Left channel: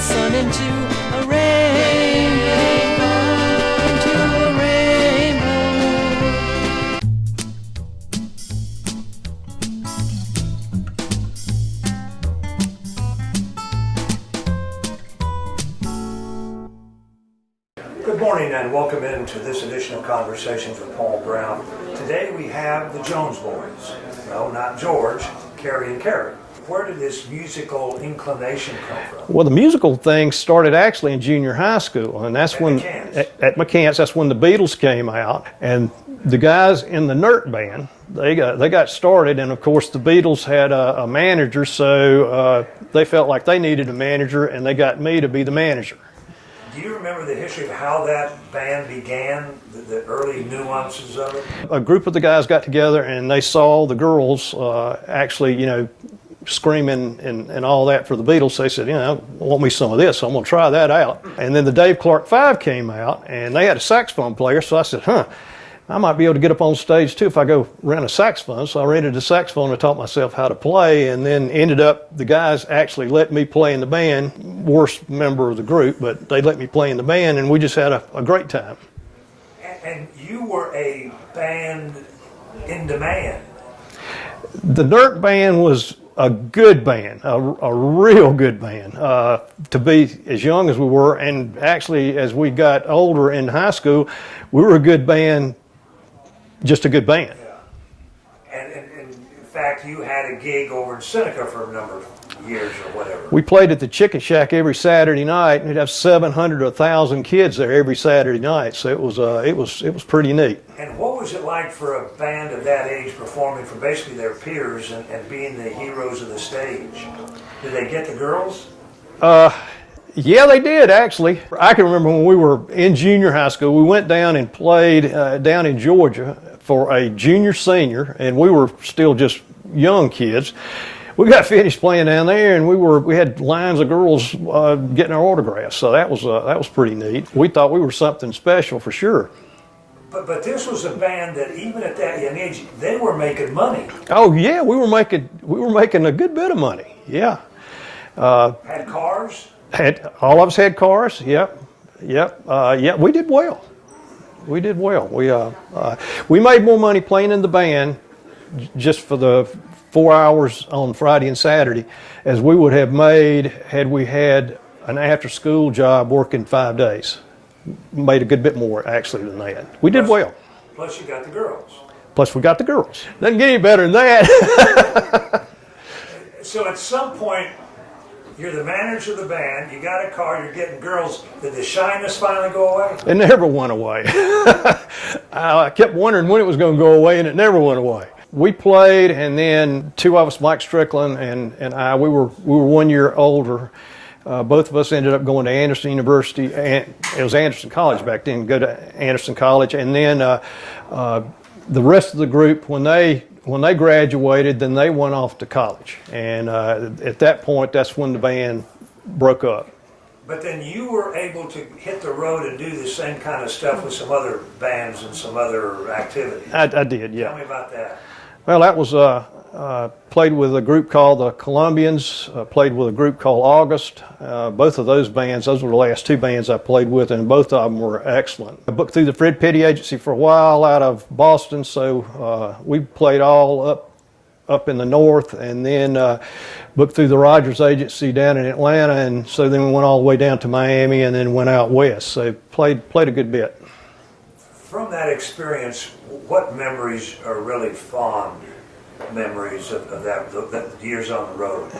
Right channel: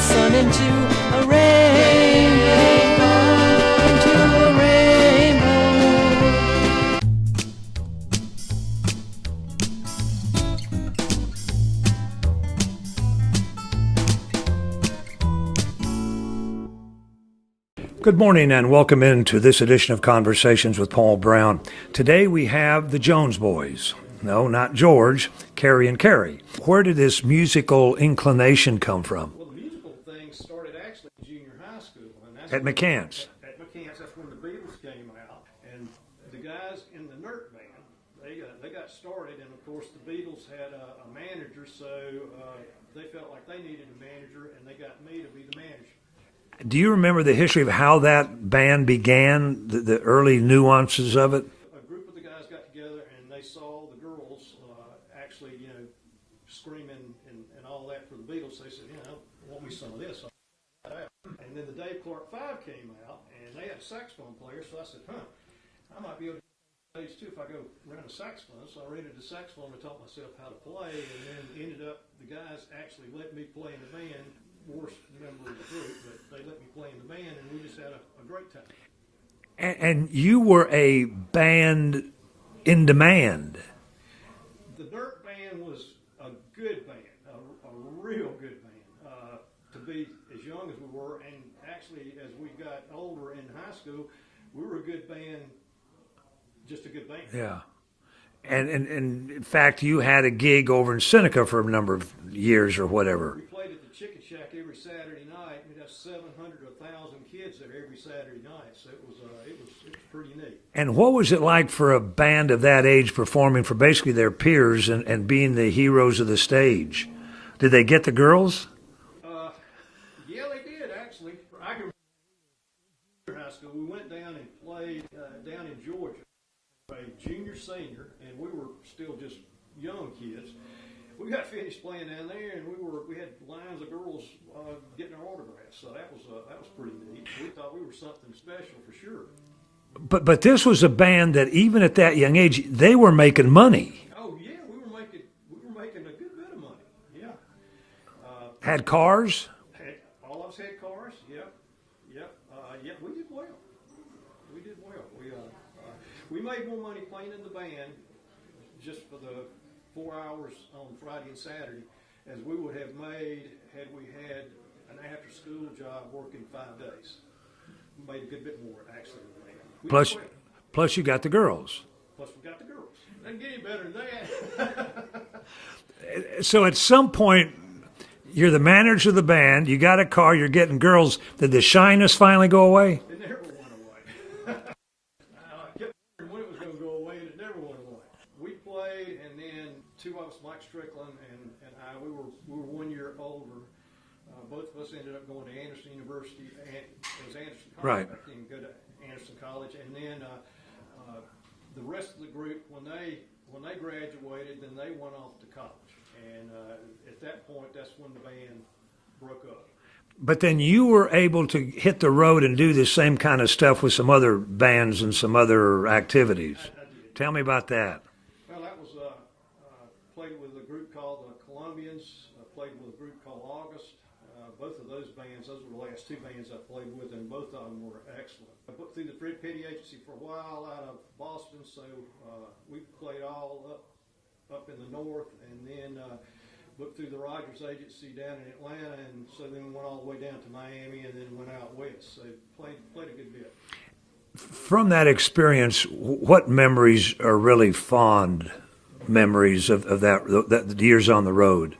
sun into a rainbow, into a rainbow. Good morning and welcome into this edition of Conversations with Paul Brown. Today we have the Jones boys. No, not George, Carey and Carey. Where did this musical inclination come from? Well, the musical thing started actually in junior high school, and that's when at McCants. That's when the Beatles came out, and the guys in the Nurks band they got started, and of course the Beatles had a manager, so they felt like they needed a manager, and they got me to be the manager. Do you remember the history of how that band began, the early nuances of it? A group of the guys got together and they saw the girls actually, screaming and all that for the Beatles. They said, I want me some of this, so I'm going to try that out. And then the Dave Clark 5 came out and they had a saxophone player, so I said, I might be able to get up on stage too if I go rent a saxophone. So I rented a saxophone and taught myself how to play, and then ended up the guys actually let me play in the band. Worst member of the group, but they let me play in the band, and we just had a great time. And you were a band in demand. The Nurks band was a good band, a real good band. To be as young as we were, and actually as we got older in high school, we were a good band. Just a good band. Yeah. And in fact, you had a gig over in Seneca for a number of years or whatever. We played at the Chicken Shack every Saturday night, and we'd have 700 or 1,000 kids there every Saturday night. So it was pretty neat. And what was it like for a band of that age performing for basically their peers and being the heroes of the stage? Did they get the girls? Yeah, they did, actually. I can remember when we were in junior high school, we went down and played down in Georgia for a junior senior, and we were still just young kids. We got finished playing down there, and we had lines of girls getting our autographs, so that was pretty neat. We thought we were something special for sure. But this was a band that even at that young age, they were making money. Oh yeah, we were making a good bit of money. Yeah. Had cars? All of us had cars. Yep. Yeah, we did well. We made more money playing in the band just for the 4 hours on Friday and Saturday as we would have made had we had an after-school job working 5 days. Made a good bit more actually than that. We did well. Plus you got the girls. Plus we got the girls. Doesn't get any better than that. So at some point, you're the manager of the band, you got a car, you're getting girls. Did the shyness finally go away? It never went away. I kept wondering when it was going to go away, and it never went away. We played, and then two of us, Mike Strickland and I, we were 1 year older. Both of us ended up going to Anderson University, and it was Anderson College back then, go to Anderson College. And then the rest of the group, when they graduated, then they went off to college. And at that point, that's when the band broke up. But then you were able to hit the road and do the same kind of stuff with some other bands and some other activities. I did, yeah. Tell me about that. Well, that was, played with a group called the Colombians, played with a group called August. Both of those bands, those were the last two bands I played with, and both of them were excellent. I booked through the Fred Petty Agency for a while out of Boston, so we played all up in the north, and then booked through the Rogers Agency down in Atlanta, and so then we went all the way down to Miami and then went out west. So played a good bit. From that experience, what memories are really fond memories of that years on the road?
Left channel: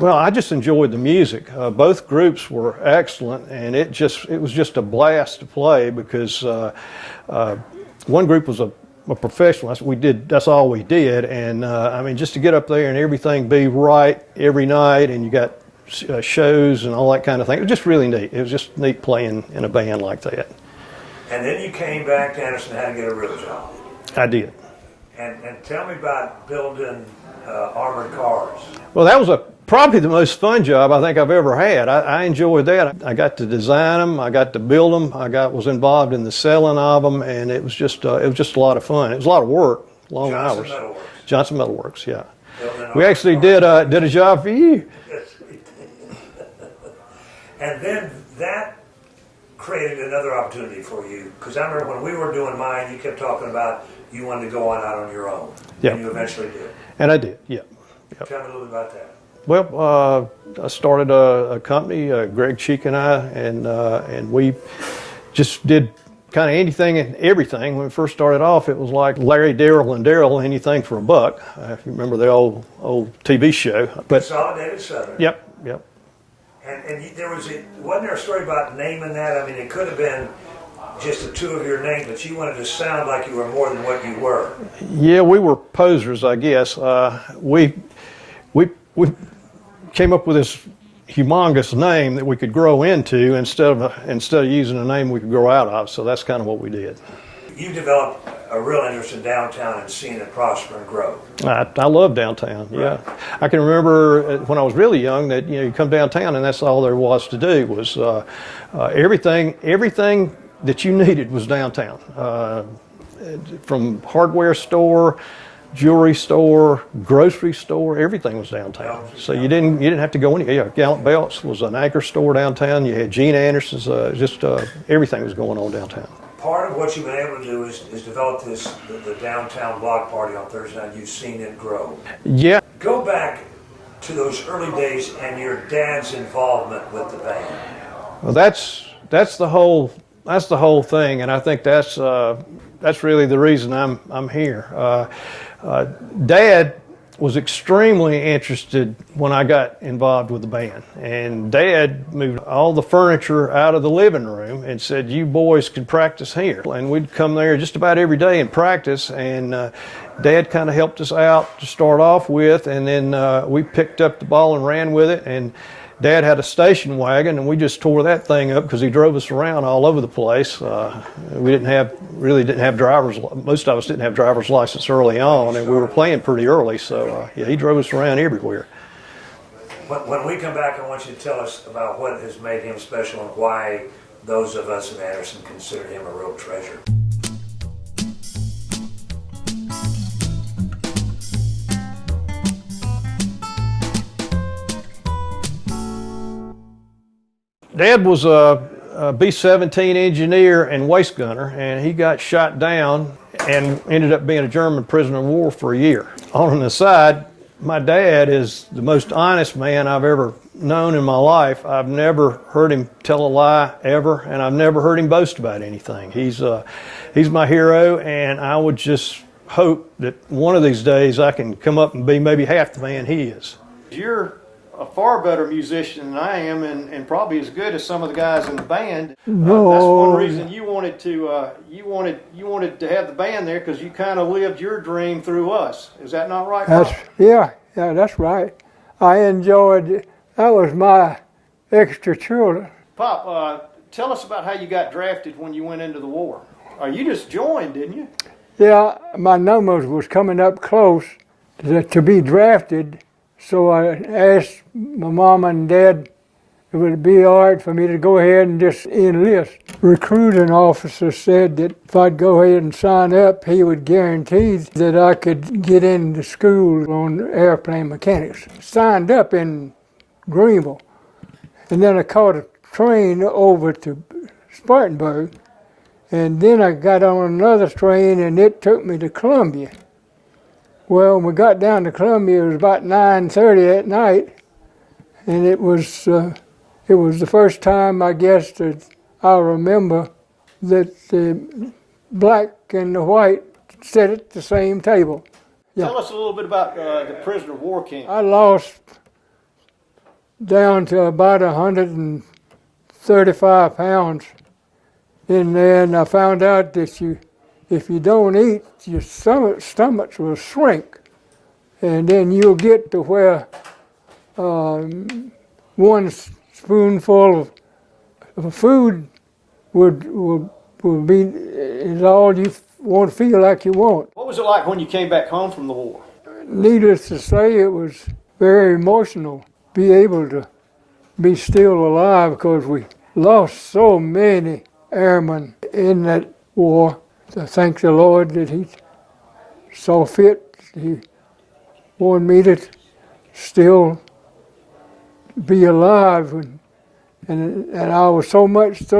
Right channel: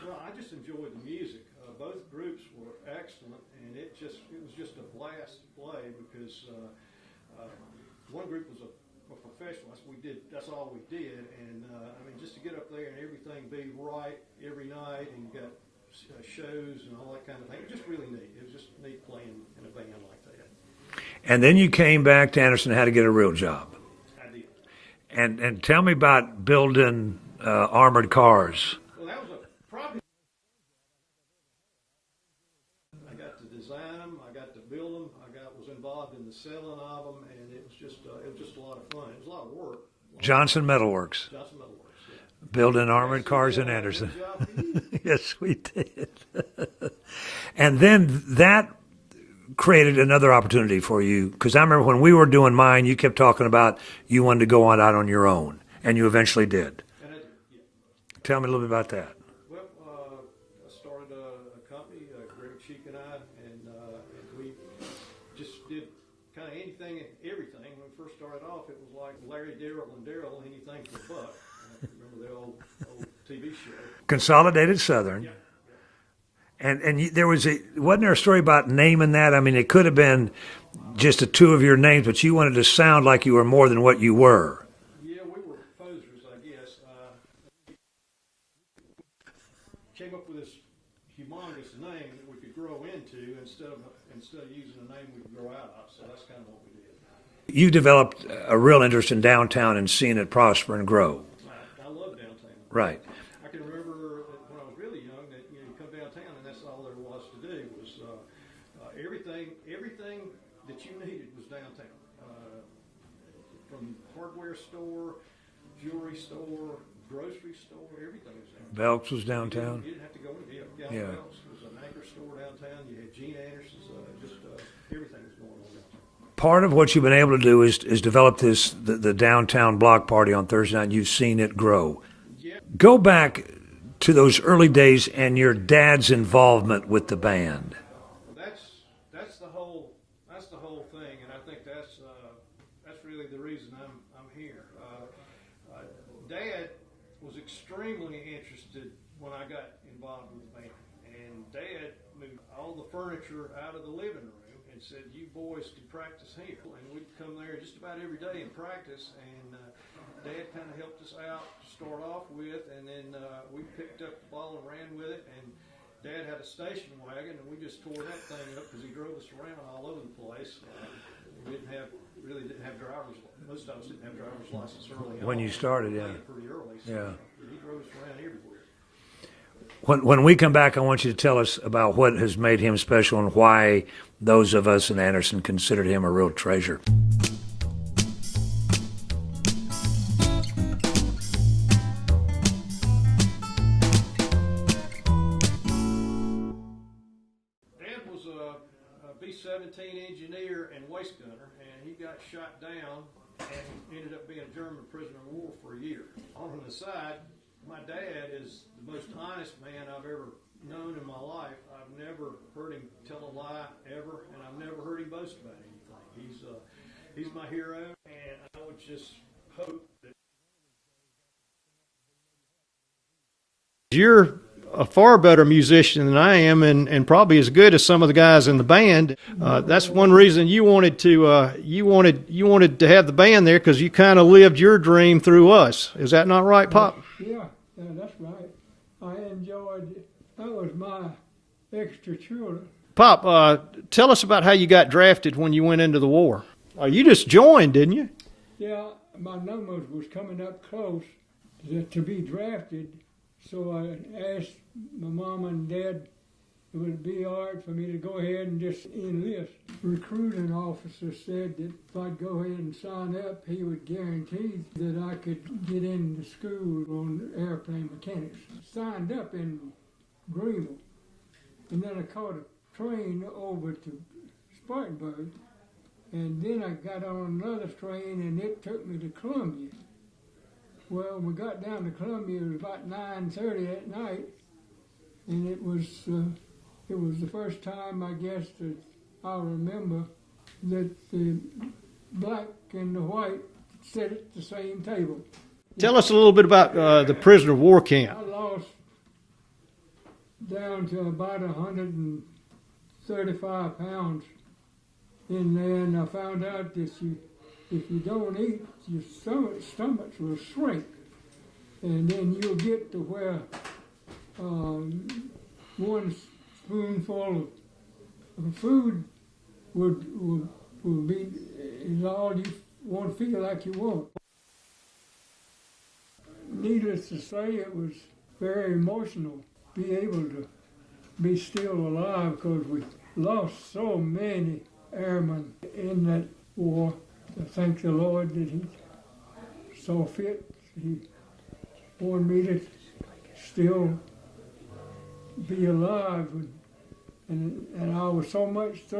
Well, I just enjoyed the music. Both groups were excellent, and it was just a blast to play because one group was a professional. That's all we did, and I mean, just to get up there and everything be right every night, and you got shows and all that kind of thing. It was just really neat. It was just neat playing in a band like that. And then you came back to Anderson and had to get a real job. I did. And tell me about building armored cars. Well, that was probably the most fun job I think I've ever had. I enjoyed that. I got to design them. I got to build them. was involved in the selling of them, and it was just a lot of fun. It was a lot of work. Johnson Metalworks. Johnson Metalworks, yeah. Building armored we actually cars did a job for you. Yes, we did. And then that created another opportunity for you, because I remember when we were doing mine, you kept talking about you wanted to go on out on your own, and you eventually did. And I did, yeah. Yep. Tell me a little bit about that. Well, I started a company, Greg Cheek and I, and we just did kind of anything and everything. When we first started off, it was like Larry, Daryl, and Daryl, anything for a buck. If you remember the old TV show. Consolidated Southern. Yep. And there wasn't there a story about naming that? I mean, it could have been just the two of your names, but you wanted to sound like you were more than what you were. Yeah, we were posers, I guess. We came up with this humongous name that we could grow into instead of using a name we could grow out of. So that's kind of what we did. You developed a real interest in downtown and seeing it prosper and grow. I love downtown. Right. Yeah, I can remember when I was really young that you come downtown and that's all there was to do was everything that you needed was downtown, from hardware store, jewelry store, grocery store, everything was downtown. So you didn't have to go anywhere. Yeah, Gallant Belts was an anchor store downtown. You had Gene Anderson's. Everything was going on downtown. Part of what you've been able to do is develop the downtown block party on Thursday night. You've seen it grow. Yeah. Go back to those early days and your dad's involvement with the band. Well, that's the whole thing, and I think that's really the reason I'm here. Dad was extremely interested when I got involved with the band, and Dad moved all the furniture out of the living room and said, "You boys can practice here." And we'd come there just about every day and practice, and Dad kind of helped us out to start off with, and then we picked up the ball and ran with it. And Dad had a station wagon, and we just tore that thing up because he drove us around all over the place. We didn't have drivers. Most of us didn't have driver's license early on, and we were playing pretty early. So he drove us around everywhere. When we come back, I want you to tell us about what has made him special and why those of us in Anderson considered him a real treasure. Dad was a B-17 engineer and waist gunner, and he got shot down and ended up being a German prisoner of war for a year. On an aside, my dad is the most honest man I've ever known in my life. I've never heard him tell a lie ever, and I've never heard him boast about anything. He's my hero, and I would just hope that one of these days I can come up and be maybe half the man he is. You're a far better musician than I am, and probably as good as some of the guys in the band. That's one reason you wanted to have the band there, because you kind of lived your dream through us. Is that not right, Pop? Yeah, that's right. I enjoyed it. That was my extra children. Pop, tell us about how you got drafted when you went into the war. You just joined, didn't you? Yeah, my numbers was coming up close to be drafted. So I asked my mom and dad if it would be all right for me to go ahead and just enlist. Recruiting officer said that if I'd go ahead and sign up, he would guarantee that I could get into school on airplane mechanics. Signed up in Greenville, and then I caught a train over to Spartanburg, and then I got on another train and it took me to Columbia. Well, when we got down to Columbia, it was about 9:30 at night, and it was the first time, I guess, that I remember that the black and the white sat at the same table. Yeah. Tell us a little bit about the prisoner of war camp. I lost down to about 135 pounds in there, and I found out that if you don't eat, your stomach will shrink, and then you'll get to where one spoonful of food will be is all you won't feel like you want. What was it like when you came back home from the war? Needless to say, it was very emotional. Be able to be still alive, because we lost so many airmen in that war. I thank the Lord that He saw fit. He wanted me to still be alive and I was so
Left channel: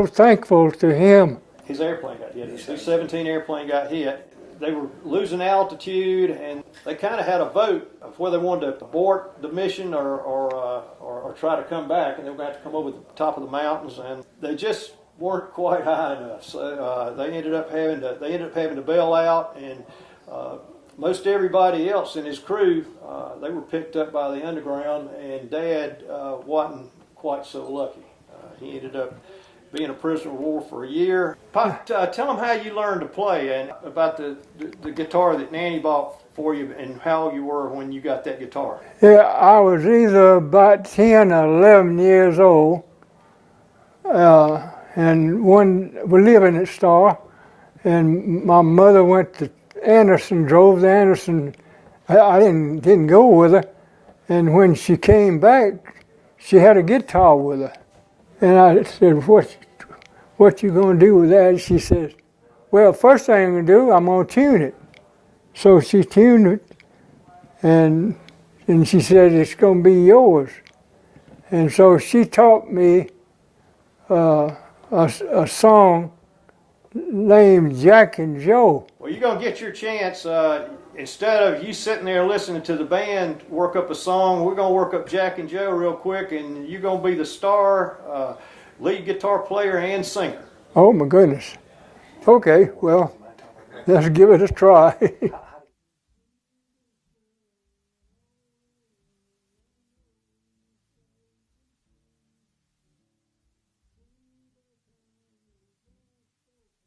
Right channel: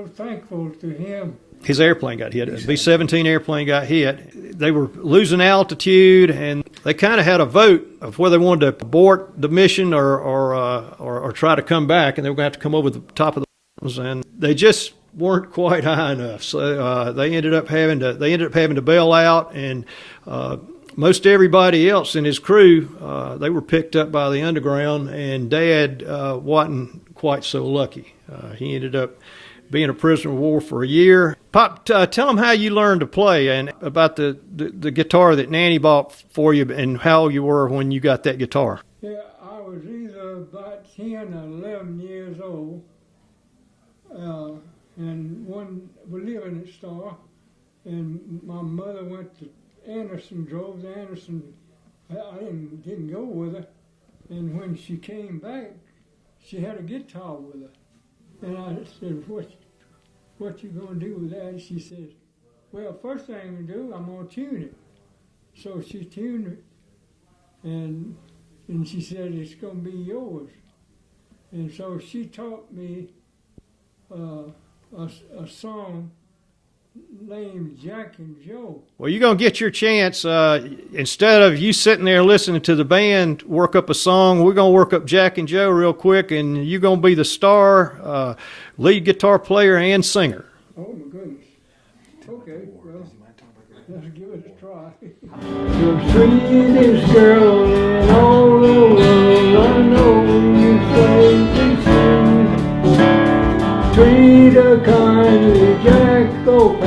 thankful to him. His airplane got hit. The B-17 airplane got hit. They were losing altitude, and they kind of had a vote of whether they wanted to abort the mission or try to come back, and they were going to have to come over the top of the mountains, and they just weren't quite high enough. So they ended up having to bail out, and most everybody else in his crew, they were picked up by the underground, and Dad wasn't quite so lucky. He ended up being a prisoner of war for a year. Pop, tell them how you learned to play and about the guitar that Nanny bought for you and how old you were when you got that guitar. Yeah, I was either about 10 or 11 years old, and we live in a store, and my mother went to Anderson, drove to Anderson. I didn't go with her, and when she came back, she had a guitar with her. And I said, what you gonna do with that? She says, well, first thing I'm gonna do, I'm gonna tune it. So she tuned it, and she said, it's gonna be yours. And so she taught me a song named Jack and Joe. Well, you're going to get your chance. Instead of you sitting there listening to the band work up a song, we're going to work up Jack and Joe real quick, and you're going to be the star, lead guitar player, and singer. Oh, my goodness. Okay, well, let's give it a try. The sweetest girl in all the world, I know you say sweet, a kindly Jack, oh,